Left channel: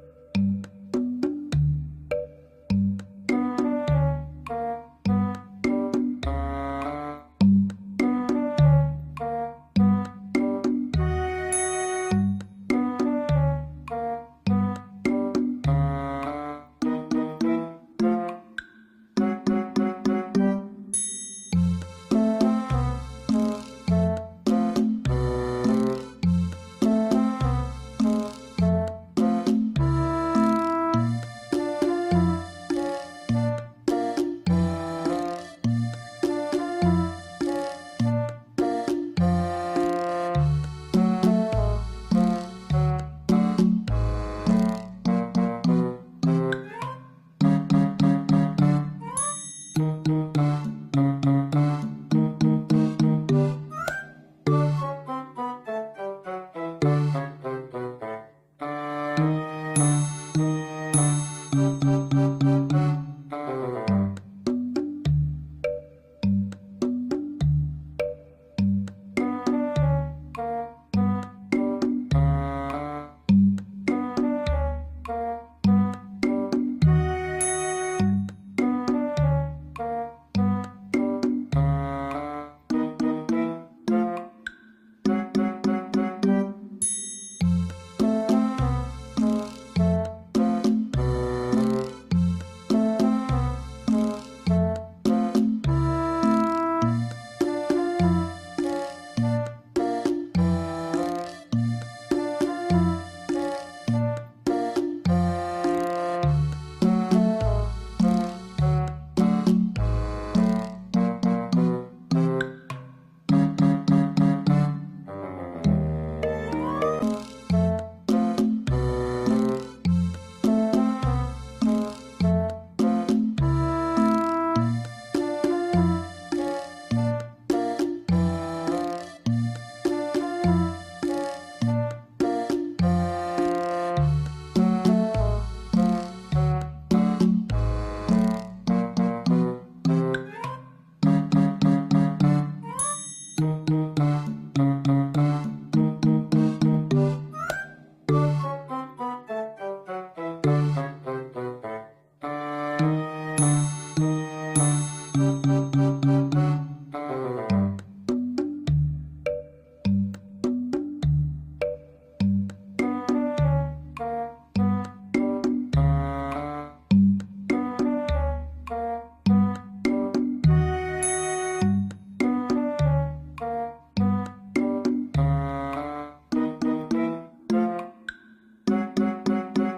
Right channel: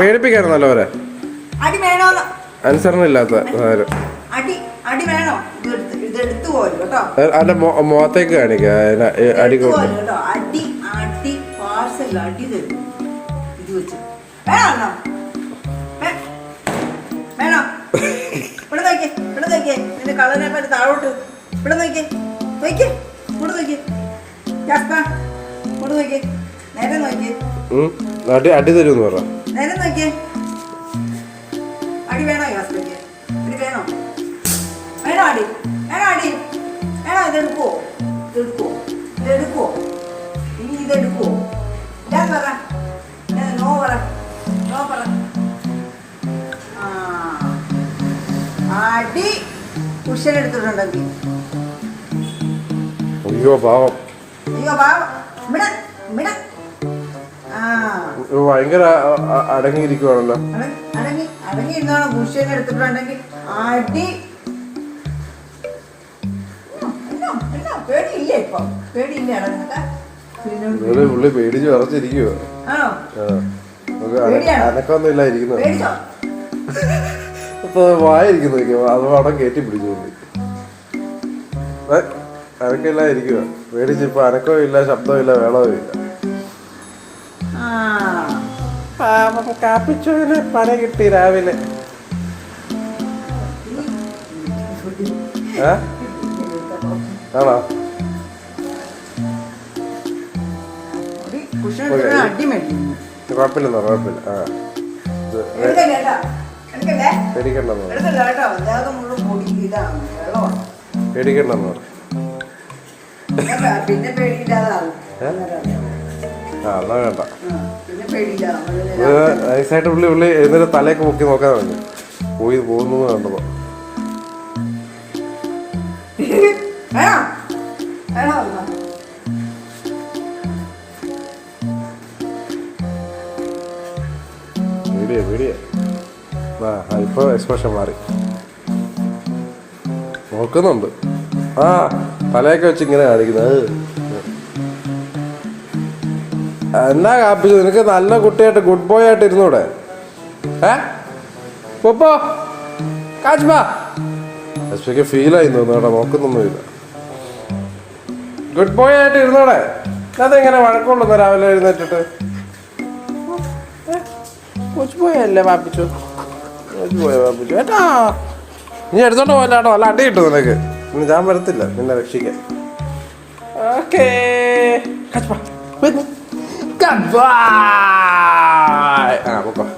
പേടിപ്പിക്കായിരുന്നല്ലോ അവരെ. അനുസരണ ഇല്ലാത്ത അവന്റെ മുഖത്തേക്ക് കാണിക്ക അടി താഴോട്ട് ഇവിടെ നോക്കിയേ നോക്കിയേ ഇവിടെ നോക്കിയേ നേരെ നോക്കിയേ അടി തരുമെന്ന് പറ. നേരെ നോക്കിയേ അടി വേണോ അടി വേണോ വേണോ അടി വേണോ അടി വേണോ ഇതെടുക്കുവോ ഇതെടുക്കുവോ ഇനി ഇതെടുക്കുവോ ഞാൻ പറ നോ പറ നോ പറ അടി കുഷൻ എടുത്തിട്ടുണ്ടെങ്കിൽ അയ്യോ പാവം ഭയങ്കര അടങ്ങിയിരിക്കുവാണല്ലോ. പുള്ളി പേടിച്ച് ഉറച്ചിരിക്കുവോ? അനക്കൊന്നും ഇല്ലായിരിക്കുന്നു. ഇപ്പൊ വായിരിക്കുന്നു അത് അവിടെ കയറ്റി പിടിച്ചു. അനക്കില്ല ഇരിക്കുക പേടിച്ച് ഇപ്പൊ അനക്കവും ഇല്ല ശബ്ദവും ഇല്ല വേളവും ഇല്ല. കാപ്പിച്ചോന് പണി കിട്ടി രാവിലെ. ആണോ? കുഴപ്പമില്ലെന്നോ? കുഴപ്പമില്ല. പേടിക്കണ്ടെന്നോ? പേടിക്കണ്ടെന്നോ? നൈസായിട്ട് പുള്ളി എന്നിട്ട് തലയൊക്കെ മുക്കി നോക്കാൻ പറഞ്ഞു പോയി പോകുന്നു കണ്ടപ്പോ. പേടിയാ അല്പം എക്സ്പ്രഷൻ മാറി നോക്കുന്നുണ്ട്. തലയൊക്കെ വെച്ച് ഇങ്ങനെ കാണിക്കുന്നത്. എന്നാ കാപ്പിച്ചു നിനക്ക് നല്ല കുട്ടിയായിട്ട് ഗുഡ് ബോയ് ആയിട്ട് ഇരുന്നൂടെ? ഫീൽ ആയി തോന്നുന്നു. നോക്കുന്നൊന്നുമില്ല. ഗുഡ് ബോയ് ആയിട്ട് ഇരുന്നൂടെ? അതെങ്ങനെ വഴക്കമുള്ളൂ രാവിലെ എഴുന്നേറ്റിട്ട്? അല്ലേ പാപ്പിച്ചു? പാപ്പിച്ചു ഏട്ടാ നീ എടുത്തോണ്ട് പോയല്ലാട്ടോ. നല്ല അടി കിട്ടും നിനക്ക്. ഞാൻ വരത്തില്ല നിന്നെ രക്ഷിക്കാൻ. Okay Goodbye.